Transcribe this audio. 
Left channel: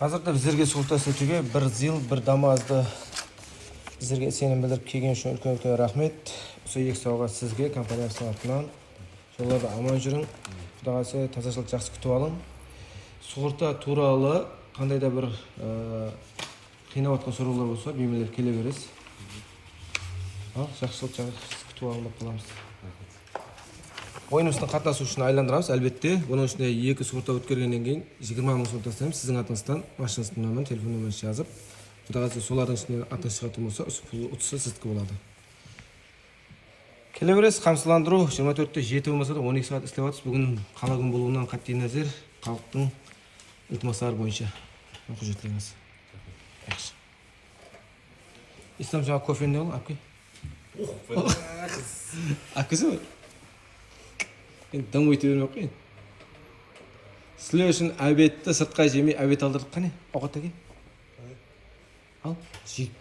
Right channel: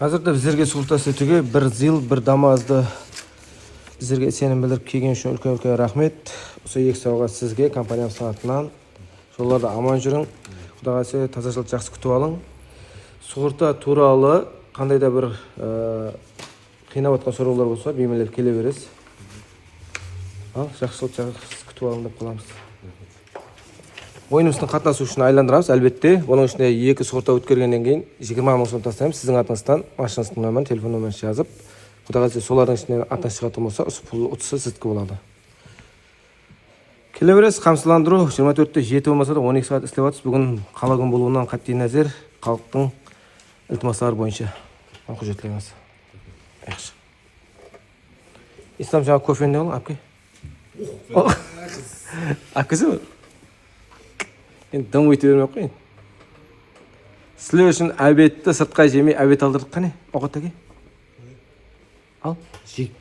Hazırda bizlerge Sultan Seçi'ge bir zil, bir damazdı bizlerge senin bildirip kelgen üçün ulkan rahmet. Осы екі сауға sizge kompaniyam sanatынан. Жолдарда аман жүрің. Құдай қаласа тазашылық жақсы күтіп алың. Сug'urta туралы қандай да бір қинап отқан сұраулар болса, беймелеп келе бересіз. Ал, жақсылық жақсы күтіп алың деп қаламыз. Ойынымыздың қатынасушыны айландырамыз, әлбетте. Оның ішінде екі сug'urta өткергеннен кейін 20 мың сом тастаймыз. Сіздің атыңыздан машинасының номерін, телефон номерін жазып, Құдай қаласа солардың ішінен атына сыйғатын болса, пұл ұтысы сіздікі болады. Келе бересіз, қамсыздандыру 24-те 7 болмаса да 12 сағат істеп жатырмыз. Бүгін қала күн болуынан қатты назар халықтың iltimaslari bo'yicha hujjatlarimiz. Yaxshi. İslam жаңа кофені ал, әпке. Әпкесі ме? Енді дым өйте бермей қойын. Сілер үшін әбетті сыртқа жемей әбет алдырдық қане? Оғат әке? Ал, жейді.